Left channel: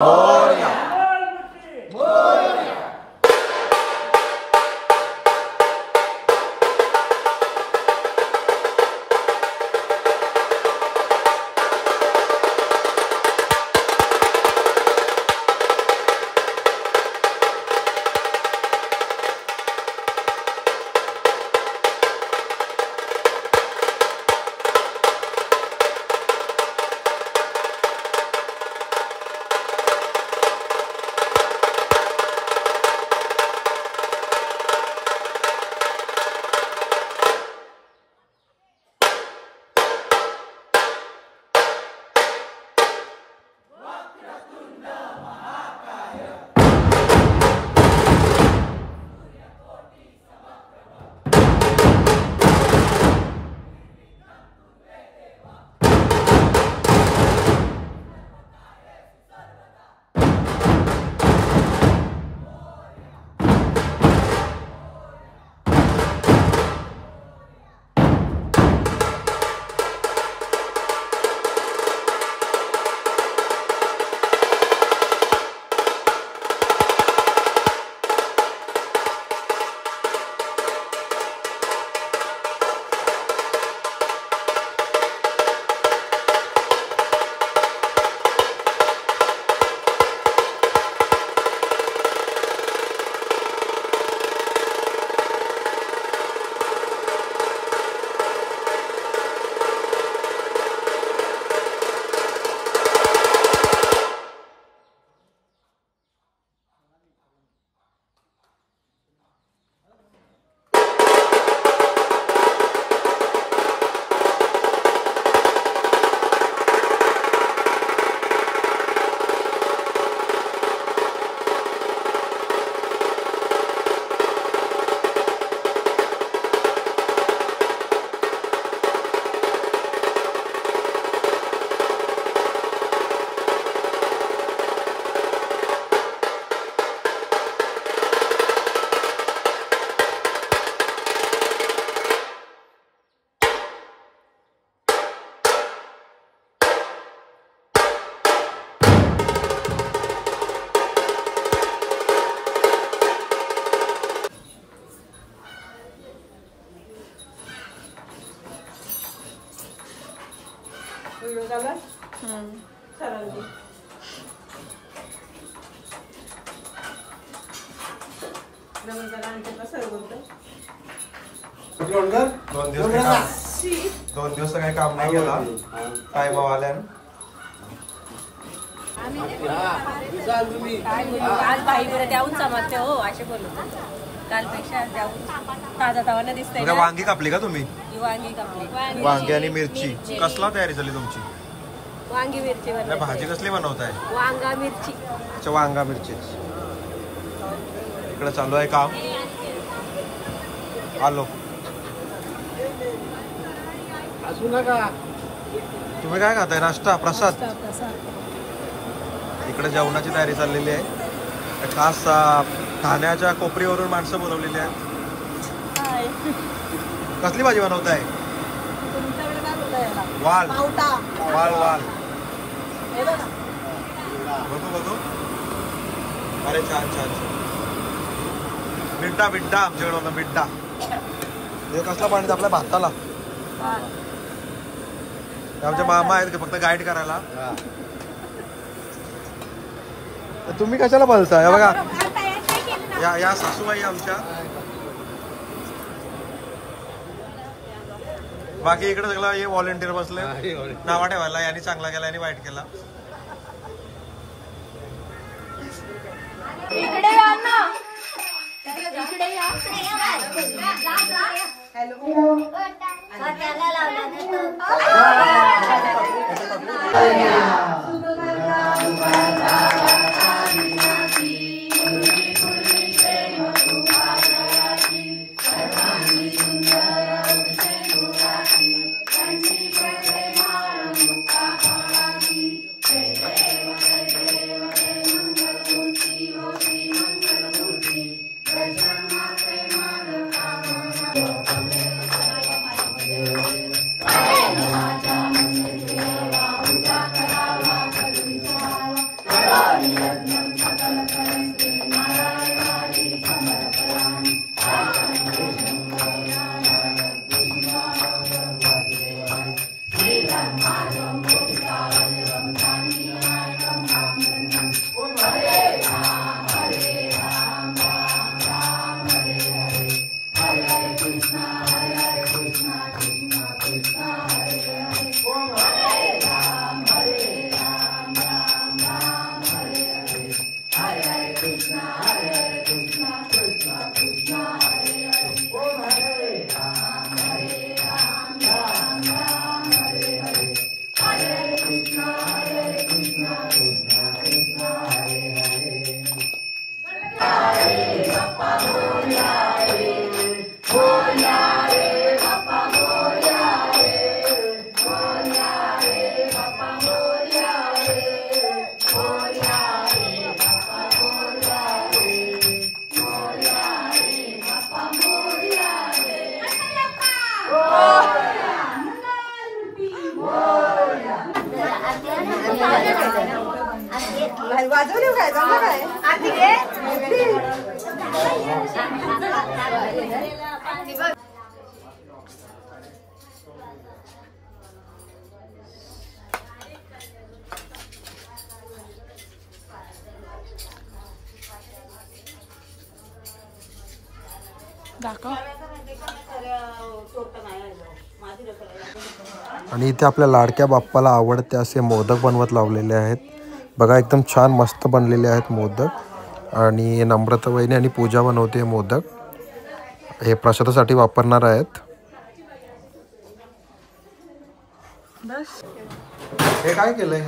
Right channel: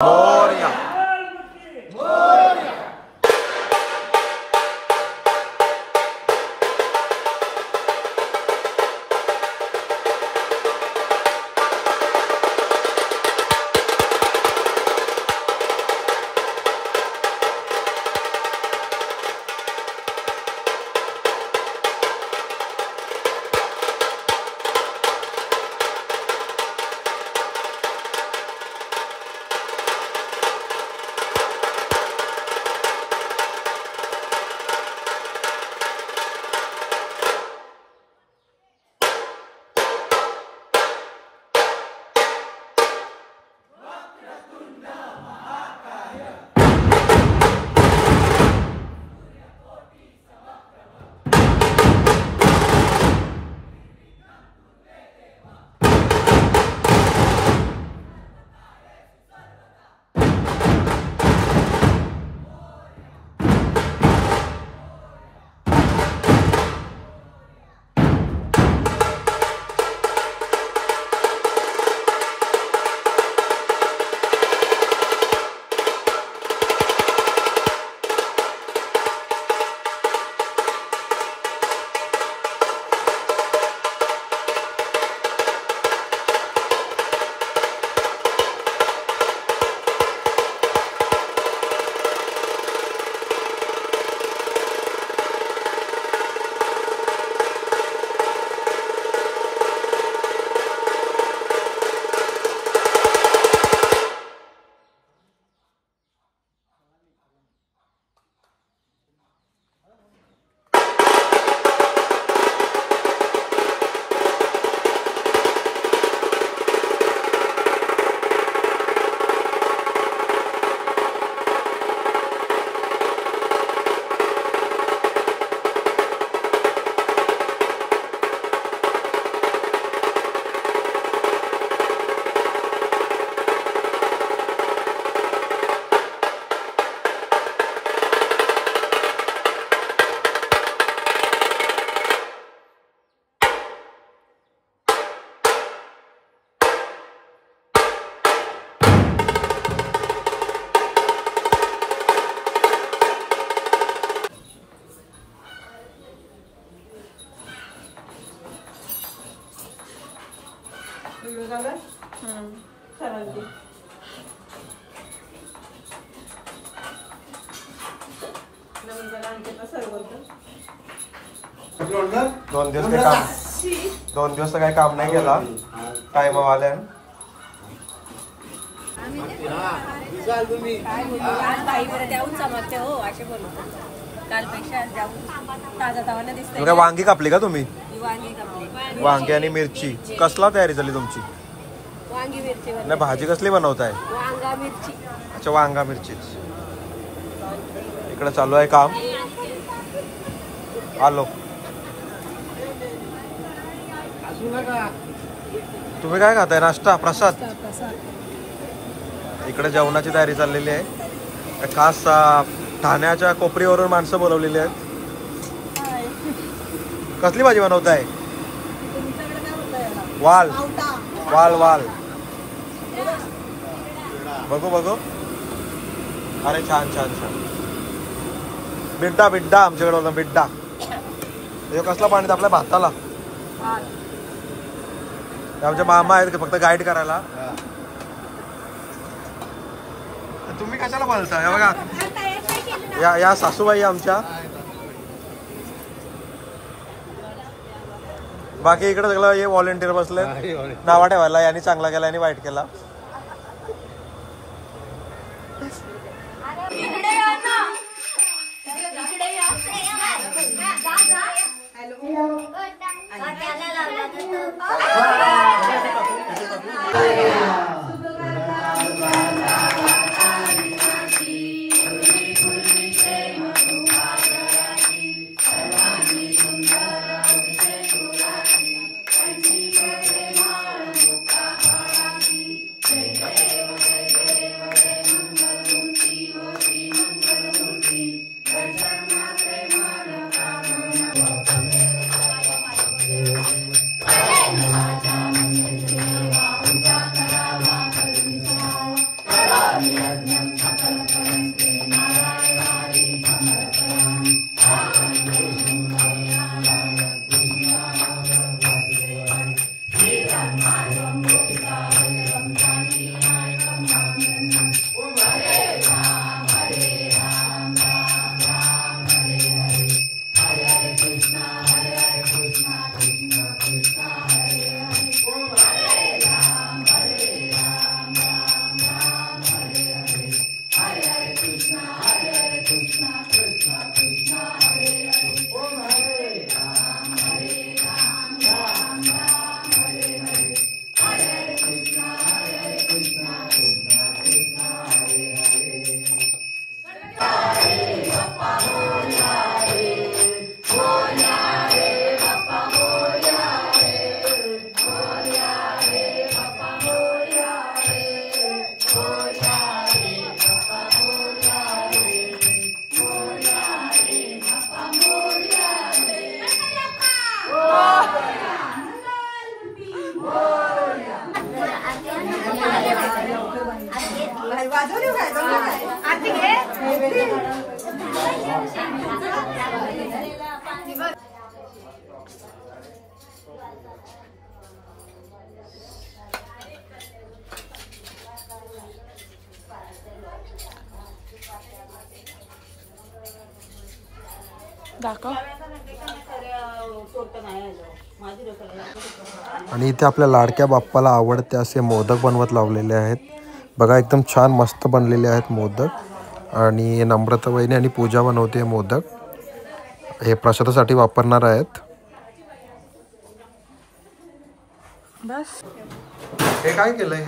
मोरया। दोन दिवस काही काम नाही केला काय आल्या आज भाई बरं द्याऊन समजते हो असे बोलत कालपेक्षा जाऊन ताजा तावाने दिसतंय। वांगी कापली का तुम्ही? वांगी कापली, वांगी आणि मिरची। कसला तयारी झाली तुमची? वांगी मिरची भाजी कसली बनवताय? वांगा मिरची। अच्छा, वांगा मिरची। इकडे चालू आहे काम। आलो। तुम्ही काय खाताय? नाश्ता? प्रसाद? इकडे जेवणाची तयारी चाललेली आहे। खास ठाण्याच्या कोपरीवरून माणसं बोलवलेली आहेत। कसली भाजी बनवताय? वाल वाल वाल। बघू बघू। अरे छान छान छान। बिड्डा बिड्डा आमच्याकडे होता बिड्डा। हे कसला पाणी आपल्या भाताला? आमचे मामा आहेत फक्त गाईड करायला। तुम्ही कशाला बोलताय? बघा या सासूबाई आमच्या। बाकी इकडे सगळं हे व्हॉलेंटियर बसले नावा ठेवायला। यांनी चांगला केला, यांनी वाईट केला। दाखव. आणि इथे आपल्या लाडक्या बाप्पाला आवडते असे मोदक बनवत लावलेले आहेत बघा. एकदम छान मस्त बनलेले आहेत मोदक. आणि नम्रता वहिनी आणि पूजा बनवते मोदक. हे प्रसादासाठी वापरणार आहेत. बस हे काय केलंय?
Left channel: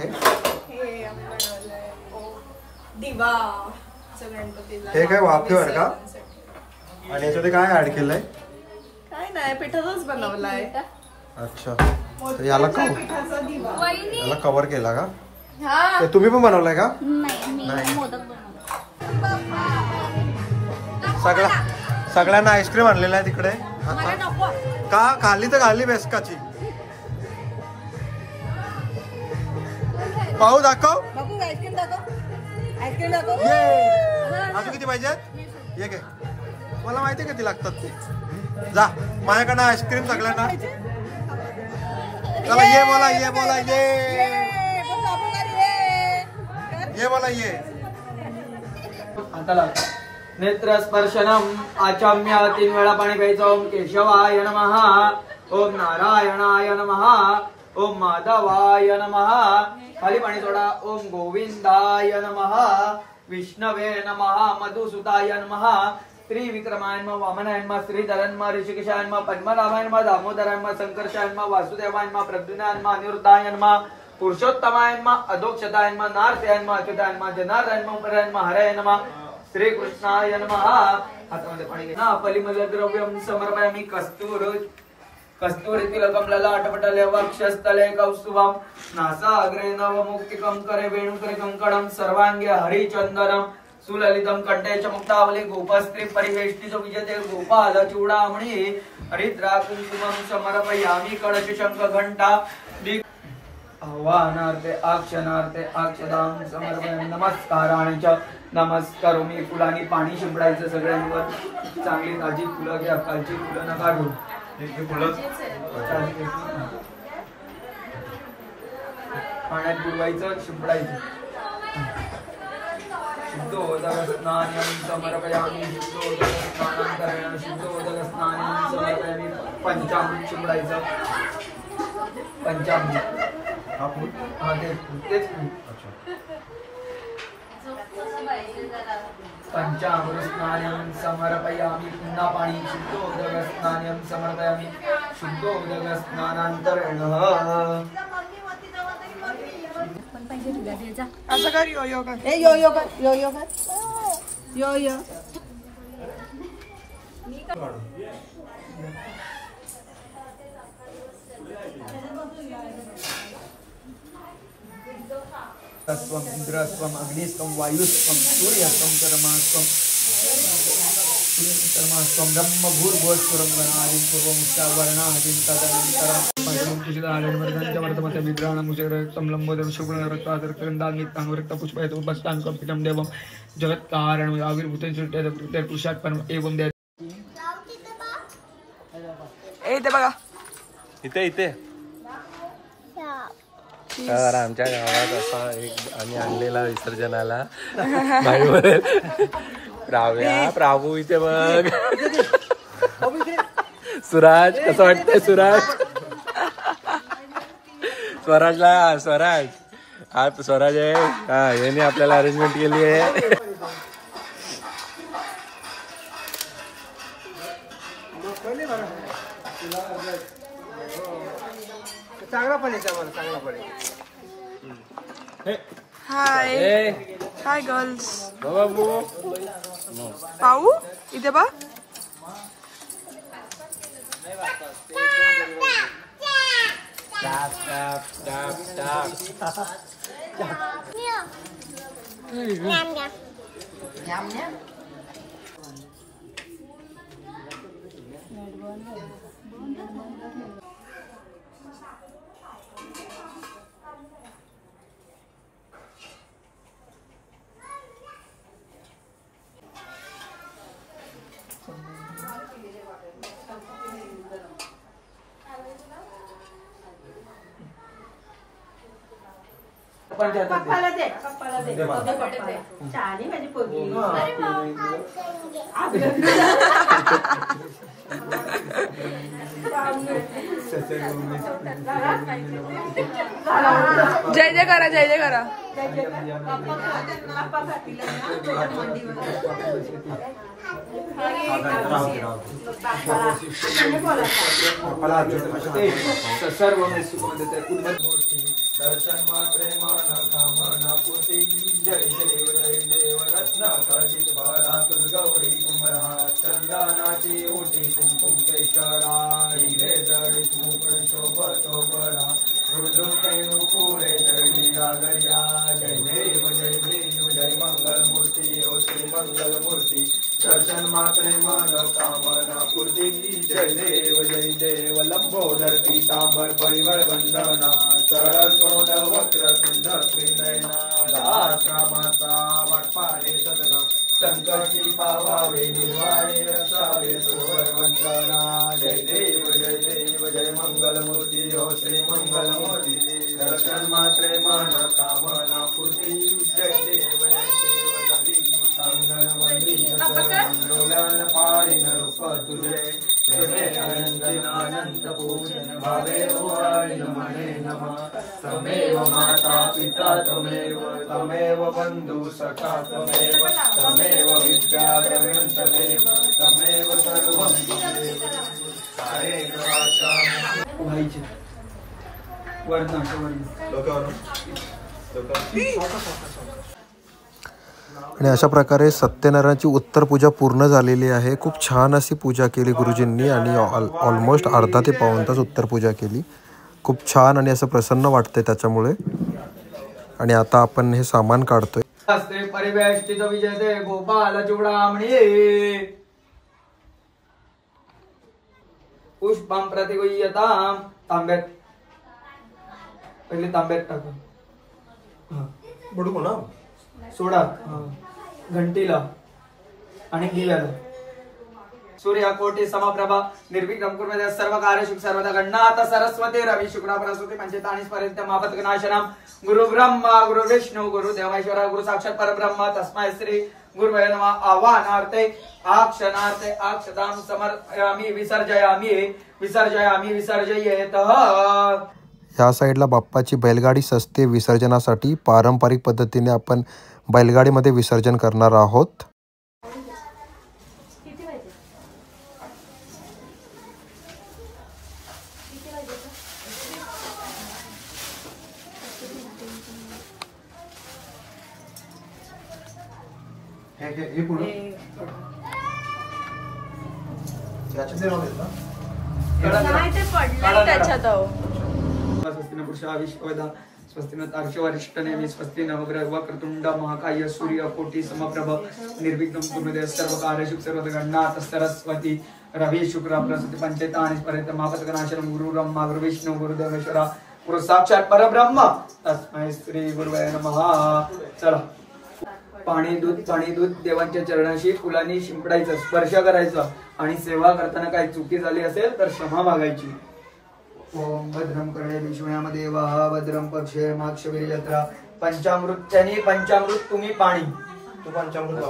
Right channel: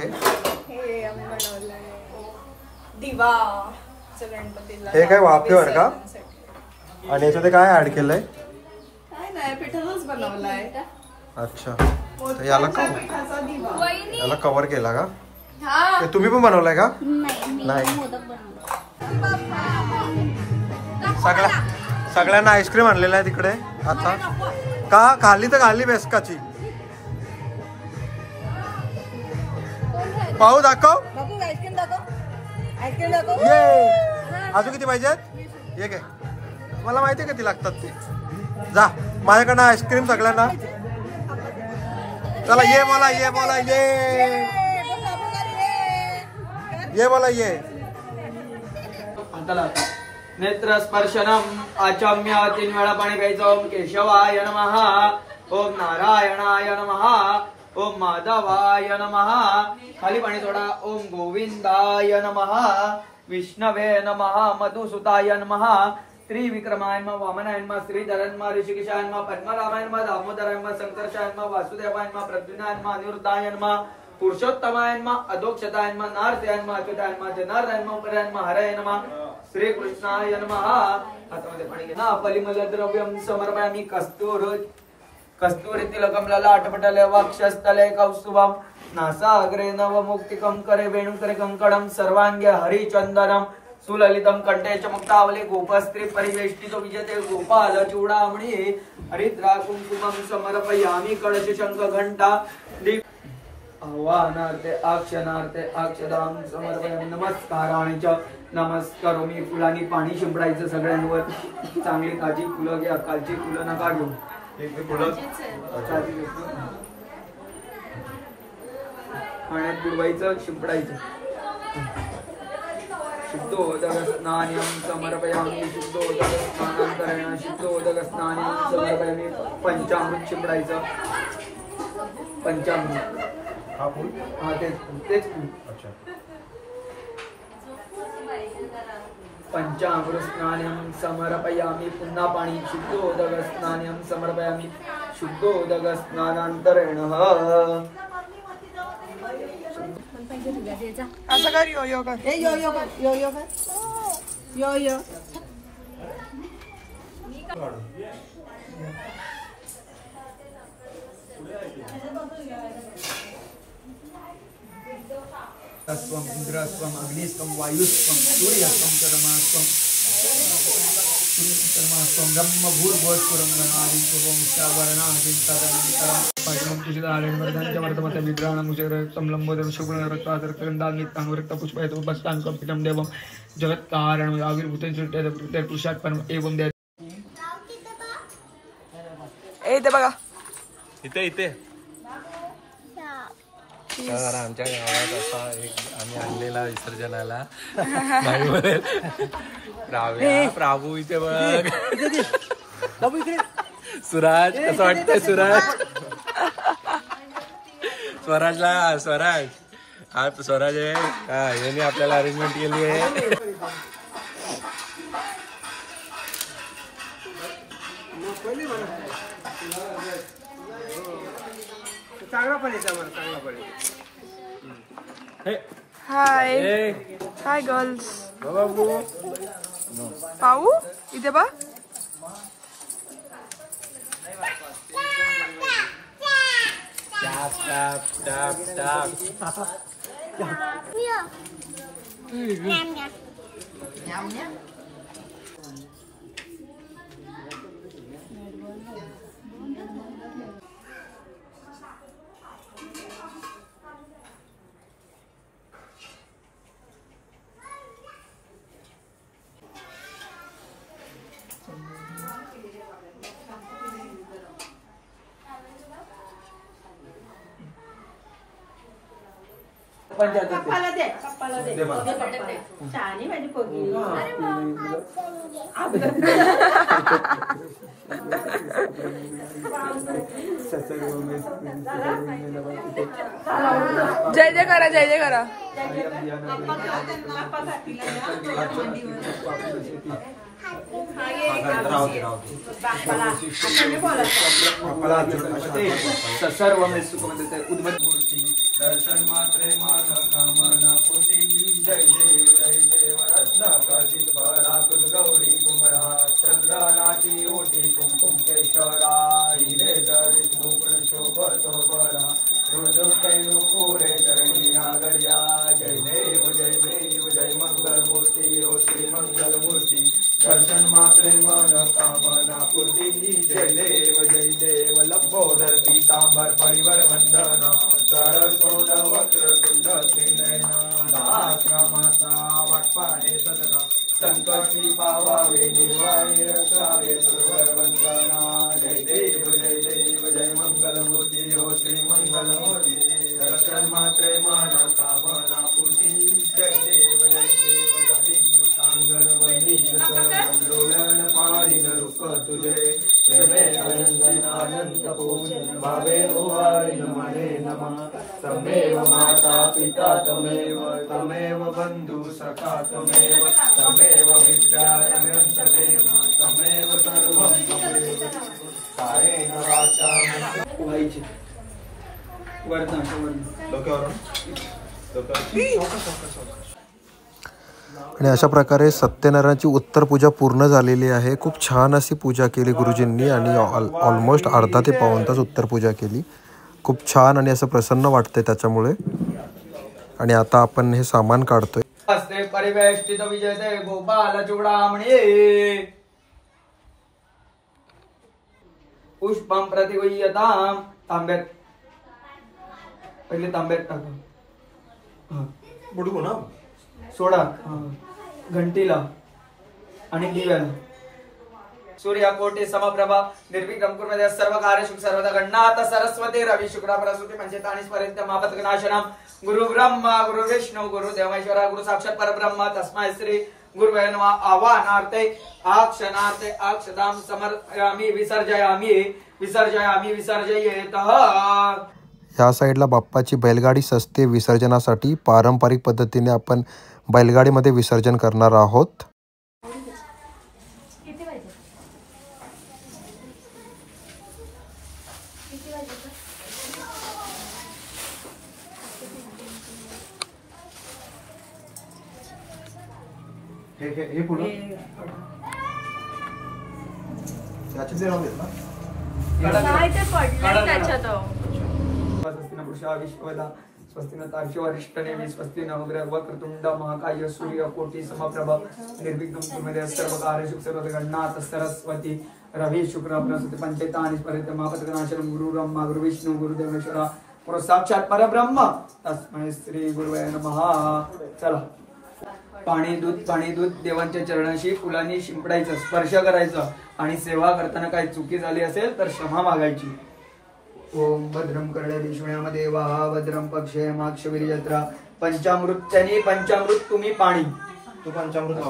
हे काय वाफेवर का? आणि याच्यामध्ये काय ऍड केलंय? काय नाही, पिठाचाच बनवलाय. अच्छा, तर याला कव्हर केला का? ते तुम्ही पण बनवलाय का? नाही. सगळ्यांना आईस्क्रीम आणलेला आहे तिकडे आता. का खाली तर खाली बेसकाची. पाहू दाखव. आईस्क्रीम दाखव. आईस्क्रीम दाखव. अजून किती पाहिजेत? ये घे. मला माहिती किती लागतात ते. जा माझ्याकडनं आईस्क्रीम सगळ्यांना. चला ये मला ये मला ये मला ये. नेत्र स्पर्शनम आचम्य 3 वेळा पाणी प्यायचं. ओम केशवाय नमः. ओम नारायणाय नमः. ओम माधवाय नमः. खाली पाणी सोडा. ओम गोविंदाय नमः. विष्णवे नमः. मधुसुताय नमः. त्रिविक्रमाय नमः. वामनाय नमः. श्रीधराय नमः. ऋषिकेशाय नमः. पद्मनाभाय नमः. दामोदराय नमः. संकर्षाय नमः. वासुदेवाय नमः. प्रद्युम्नाय नमः. अनिरुद्धाय नमः. पुरुषोत्तमाय नमः. अधोक्षताय नमः. नारदाय नमः. अच्युताय नमः. जनार्दनाय नमः. उपराय नमः. हराय नमः. श्री कृष्णाय नमः. हातामध्ये पाणी घ्या. फलिमल द्रव्यम समर्पयामि. कस्तुरीतिलकम ललाटपटले वक्षस्थले कौस्तुभम. नासाग्रे नवमुक्तिकं करे वेणुकरे कंकणं. सर्वांगे हरिचंदनम. सुललितम कंठे च मुक्तावली. गोपस्त्री परिवेष्टितो विजयते. गोपाल चूडामणि. हरिद्रा कुंकुमं समर्पयामि. कळश शंख घंटा. आह्वानार्थे अक्षणार्थे अक्षदां समर्पयामि. नमस्काराने च नमस्कारोमी. फुलांनी पाणी शिंपडायचं सगळ्यांवर. चांगली ताजी फुलं घ्या. कालची फुलं नका घेऊ. पाण्यात बुडवायचं शिंपडायचं. शुद्धोदक स्नानम समर्पयामि. शुद्धोदक स्नानांतरेण शुद्धोदक स्नानम समर्पयामि. पंचामृत शिंपडायचं. पंचामृत. हा तेच फूल. पंचामृत स्नानम समर्पयामि. पुन्हा पाणी. शुद्धोदक स्नानम समर्पयामि. शुद्धोदक स्नानांतरेण. असं कर. यो यो कर. यो यो कर. यो यो कर. यो यो. तत्वम इंद्रस्वम अग्निस्वम वायुस्वम सूर्यस्वम कर्मस्वम जगत कारण आविर्भूत एवं इथे बघा इथे तर आमच्या गावात असा एक आम्ही आणलेला विसर्जनाला प्राभू इथे बघ. सुराज कसं वाटतंय सुराज? स्वराज हा स्वराज आहे. हा याने आपल्याला अरेंजमेंट केली आहे. हाय हाय गर्ल्स. पाहू इथे बा. पप्पाला दे शहाणी माझी पोरगी. जय जय करा जय जय करा. सर्व दर्शन मात्रे माना कामना पूर्ती. जय देव रत्नाकाशित भरात गौरी कुमरा. चंदनाची ओटी कुंकुम केशरा. हिरे जडित मुकुट शोभतो बरा. हृदय पुरे चरणी नागर्या. जय देव जय मंगल मूर्ती. ओ श्री मंगल मूर्ती. दर्शन मात्रे मन कामना पूर्ती. जय देव लंबोदर पीतांबर परिवळ वंदना. सरस्वत वक्र तुंड त्रिनयना. सहस्रमासा वाटपाने सदना. संकटी पावावे दिवाळी रसावे सुवर वंदना. जय देव जय मंगल मूर्ती. हो श्री मंगल मूर्ती. दर्शन मात्रे मन कामना पूर्ती. जय देव सांगण वंदीन डोळ्यान पाळीन रूप तुझे. प्रेमे अनंत पूजन भावे ओवाळीन मने नमः. तमेव माता पिता तमेव बंधु सखा तमेव. तमेव विद्या तमेव तमेव सर्वं तमेव. कारेण वाचा उभायची आणि अशा प्रकारे सत्यनारायणाची उत्तर पूजा पूर्ण झालेली आहे. खूप छान अशी पूजा केली गुरुजींनी आणि ऑलमोस्ट अर्धा ते पाऊण तास उत्तर पूजा केली. खूप छान आणि असं प्रसन्न वाटतंय त्याच्यामुळे. आणि आता आपण हे सामान काढतोय. परिवेष्टित विजय गोपाल चूडामणी. पुष्पं प्रतिगुह्यतां. तांब्यात पहिले तांब्यात टाका. बुडकू ना सोडा. घंटीला आणि दिव्याला. सूर्यकोटी समप्रभा निर्विघ्नं कुर्मते सर्व कार्येषु सर्वदा. गणनाथ सरस्वती रवि शुक्र सरस्वती पंचेतानि स्मरेत् आपत्कनाशनम्. गुरु ब्रह्मा गुरु विष्णु गुरु देवेश्वर गुरु साक्षात् परब्रह्म तस्मै श्री गुरुवे नमः. आवाहनार्थे आक्षणार्थे अक्षतां समर्पयामि. विसर्जयामि विसर्जयेतः. ह्या साईडला बाप्पाची बैलगाडी सजते विसर्जनासाठी. पारंपरिक पद्धतीने आपण बैलगाडीमध्ये विसर्जन करणार आहोत. हे पुढे पडलंय त्याच्यात. विश्वदा स्वस्ति न तार्क्ष्यवरिष्ठनेमि स्वस्ति नवग्रह वक्रतुंड महाकाय सूर्य कोटि समप्रभ निर्विघ्नं कुरुते सर्वकार्येषु सर्वगणनाथ सरस्वती रवि शुक्र बृहस्पति पंचैतानि परितमापतकनाशनं गुरुब्रह्मा गुरुविष्णु गुरुदेवेश्वर गुरु साक्षात परब्रह्म तस्मै श्री गुरुवे नमः। चला पाणी दूध देवांच्या चरणाशी फुलांनी शिंपडायचं, स्पर्श करायचं आणि सेवा करताना काही चुकी झाली असेल तर क्षमा मागायची। ओम भद्रम कर्णे विष्णुयामध्ये वाहा भद्रम पक्षे माक्षवीर्यत्र पंचामृत्यानी पंचामृत तुम्ही पाणी तू पंचामृत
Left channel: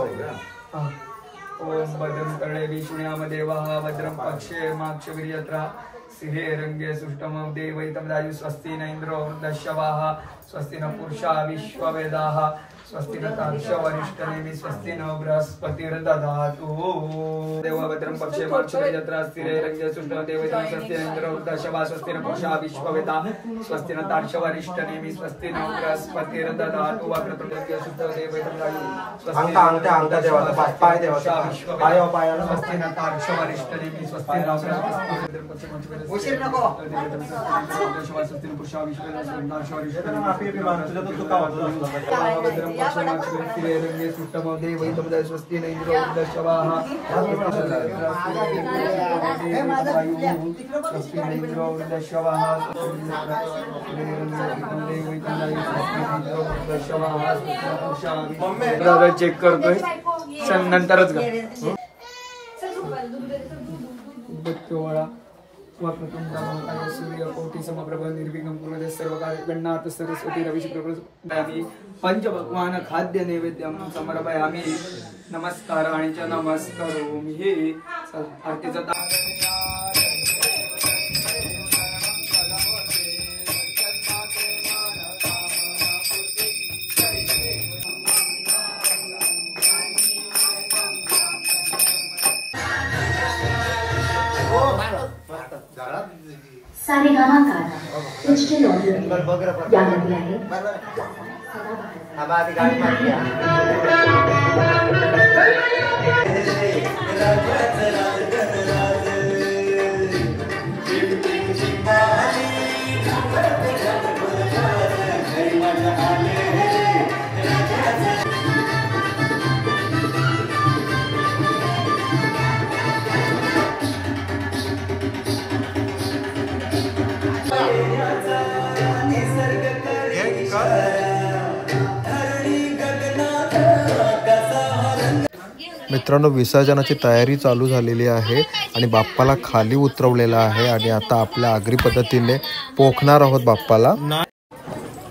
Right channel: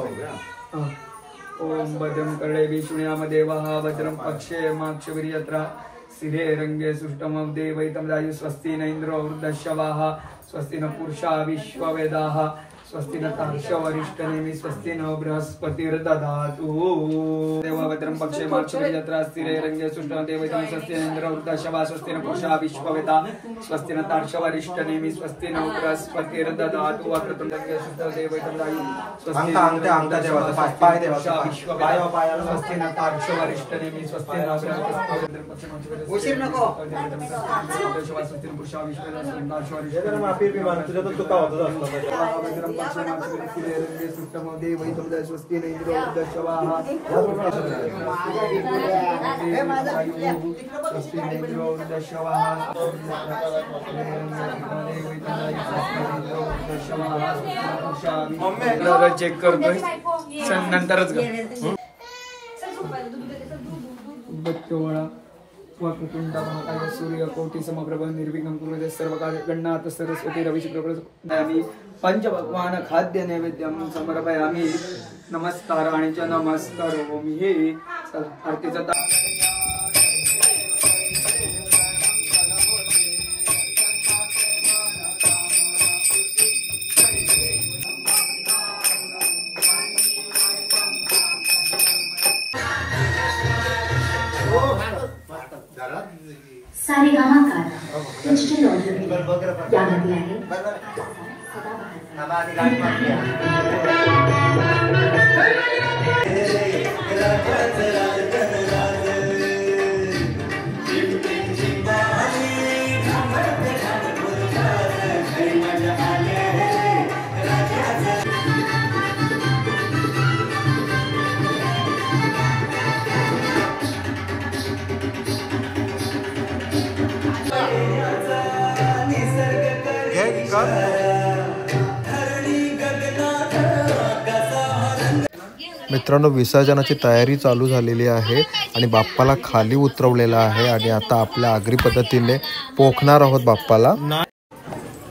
ओम भद्रम कर्णे विष्णुयामध्ये वाहा भद्रम पक्षे माक्षवीर्यत्र सिंहे रंगे सुष्टमं देवैतं राजु स्वस्ति न इंद्रो वृद्धश्रवाः स्वस्ति न पुरुषा विश्ववेदाः स्वस्ति न तार्क्ष्यवरिष्ठनेमि स्वस्ति न बृहस्पतिर्दधातु। देवभद्रं पक्षे माक्षवीर्यत्र स्थिरे रंगे सुष्टमं देवैतं स्वस्ति न इंद्रो वृद्धश्रवाः स्वस्ति न पुरुषा विश्ववेदाः स्वस्ति न तार्क्ष्यवरिष्ठनेमि स्वस्ति न बृहस्पतिर्दधातु। वक्रतुंड सुष्टमं देवैतं राजु स्वस्ति न स्वस्ति न तार्क्ष्यवरिष्ठनेमि स्वस्ति न स्वस्ति न इंद्रो वृद्धश्रवाः स्वस्ति न इंद्रो वृद्धश्रवाः चेक करतोय नंतरच वक्रतुंड महाकाय सूर्य कोटि समप्रभ निर्विघ्नं कुरुते सर्वकार्येषु सरस्वती रवि शुक्र पंचभगवान खाद्य नैवेद्यं समर्पयामि नमस्काराणि च नमस्करोमि। आरतीचा सारेगामा डिजिटल ऑडिओ यामध्ये आहे मित्रांनो विसर्जनाची तयारी चालू झालेली आहे आणि बाप्पाला खाली उतरवलेला आहे आणि आता आपल्या आगरी पद्धतीने पोखणार आहोत बाप्पाला।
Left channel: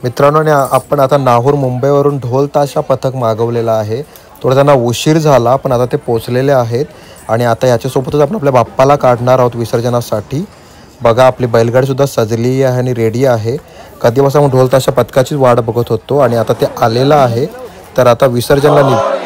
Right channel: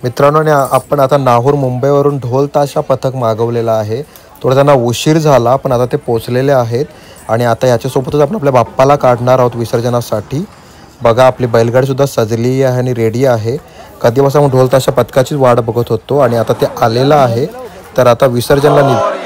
मित्रांनो आपण आता नाहूर मुंबईवरून ढोल ताशा पथक मागवलेला आहे। थोडा त्यांना उशीर झाला पण आता ते पोहोचलेले आहेत आणि आता याच्यासोबतच आपण आपल्या बाप्पाला काढणार आहोत विसर्जनासाठी। बघा आपली बैलगाडी सुद्धा सजली आहे आणि रेडी आहे। कधीपासून आपण ढोल ताशा पथकाचीच वाट बघत होतो आणि आता ते आलेलं आहे। तर आता विसर्जनाला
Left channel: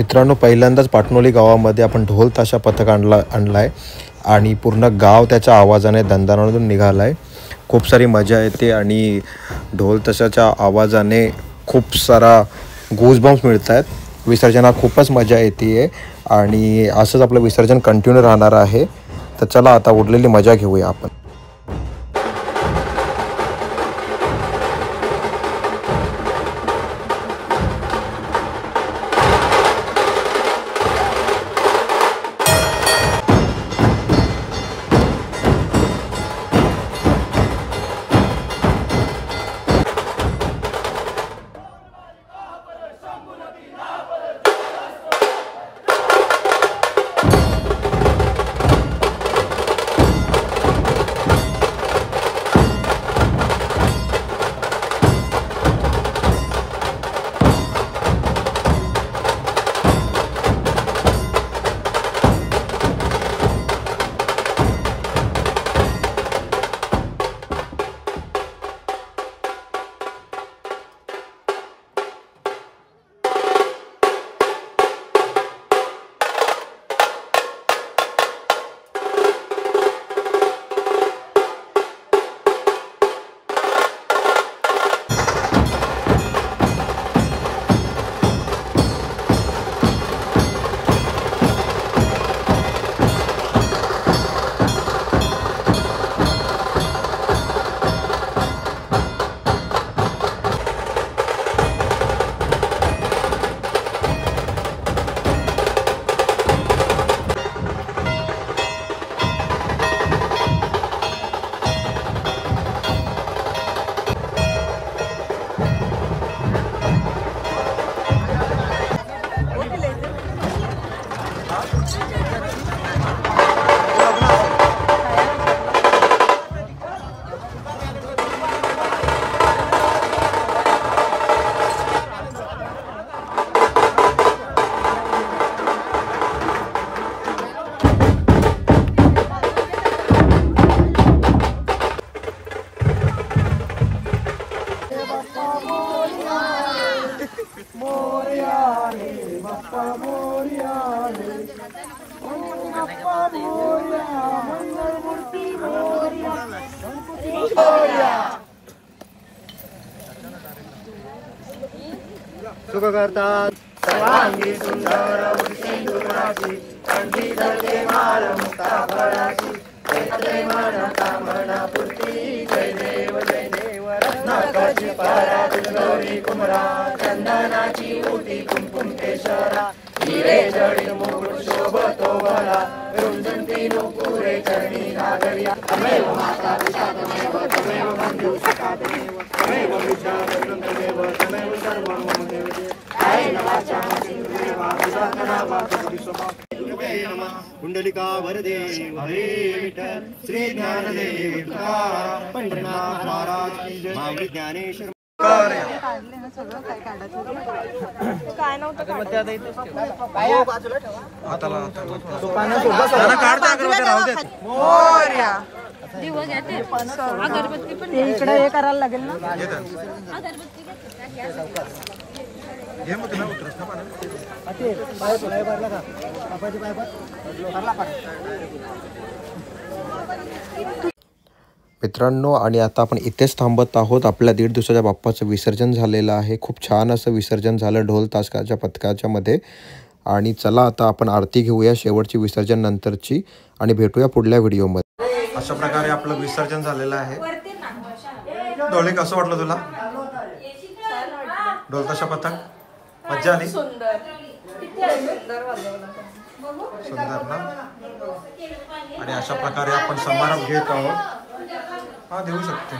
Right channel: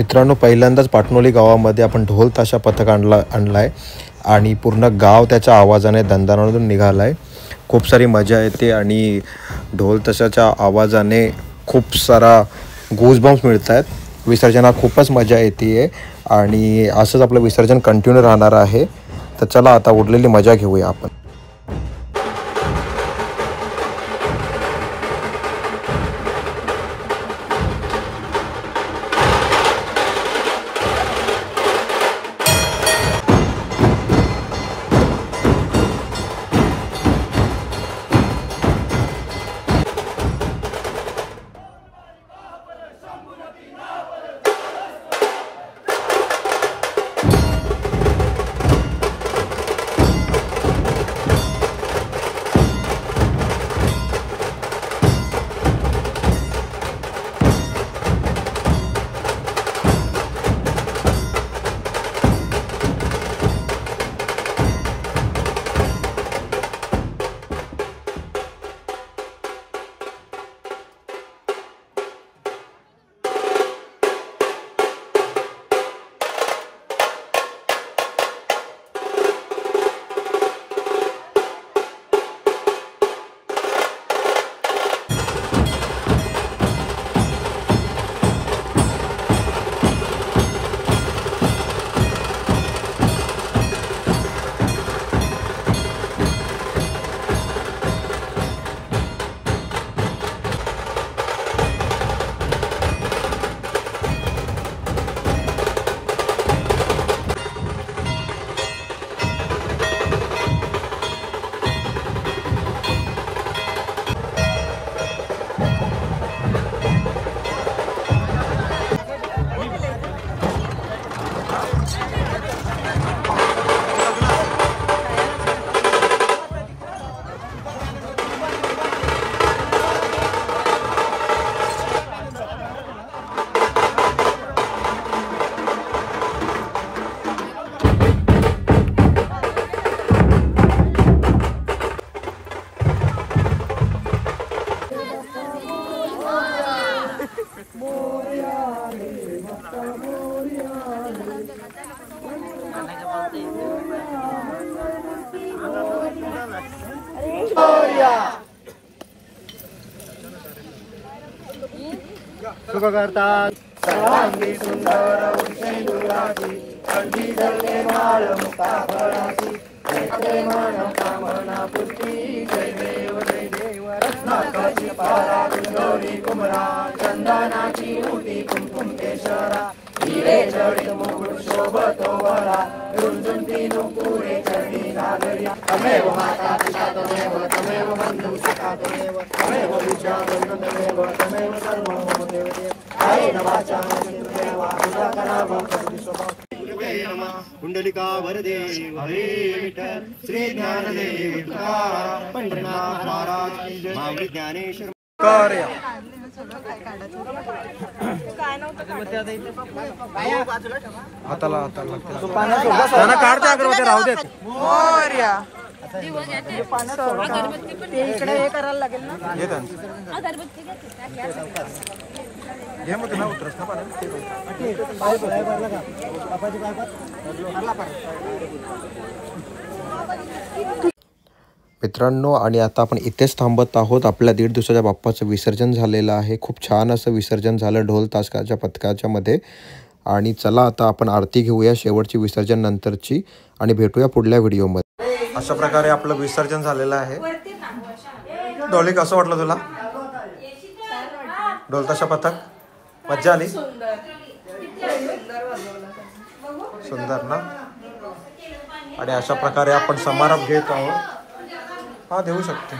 मित्रांनो, पहिल्यांदाच पाटणोली गावामध्ये आपण ढोल ताशा पथक आणलाय आणि पूर्ण गाव त्याच्या आवाजाने दणदणाटून निघाला आहे. खूप सारी मजा येते आणि ढोल ताशाच्या आवाजाने खूप सारा गूजबम्स मिळत आहेत. विसर्जनात खूपच मजा येते आणि असंच आपलं विसर्जन कंटिन्यू राहणार आहे. तर चला आता उरलेली मजा घेऊया आपण. सुख करतात सर्वांगी सुंदर उठे कंठी धरते माळ मुक्ताफळाची प्रेमाना कामना पूर्ती. जय देव रत्नाकाची पारा पिंगोरी कुमरा चंदनाची मोठी कुमकुम केशरा हिरे जडित मुकुट शोभतो वळा रुंजुंती नुपुरे चरणी घालया. तमेव माता पिता तमेव तमेव बंधू सखा तमेव तमेव विद्या तमेव तमेव सर्वं देवते. जय नवाचा देवा पूजा करावा कधी स्वभाव. कुंडलिका वरदे हरे विठ्ठल श्री ज्ञानदेव तुकाराम पंढरीनाथ महाराज की जय. माऊली ज्ञानेश्वर इकडे हे करायला लागेल ना. मित्रांनो, आणि आता आपण इथेच थांबत आहोत. आपल्या 1.5 दिवसाच्या बाप्पाचं विसर्जन झालेलं आहे. खूप छान असं विसर्जन झालं ढोल ताशाच्या पथकाच्या मध्ये. आणि चला आता आपण आरती घेऊया शेवटची विसर्जन नंतरची आणि भेटूया पुढल्या व्हिडिओमध्ये. अशा प्रकारे आपलं विसर्जन झालेलं आहे. ढोले कसं वाटलं तुला? ढोल ताशा पथक मज्जा आली? सुंदर ना. आणि अशा प्रकारे आपण समारंभ घेत आहोत. हा देऊ शकते.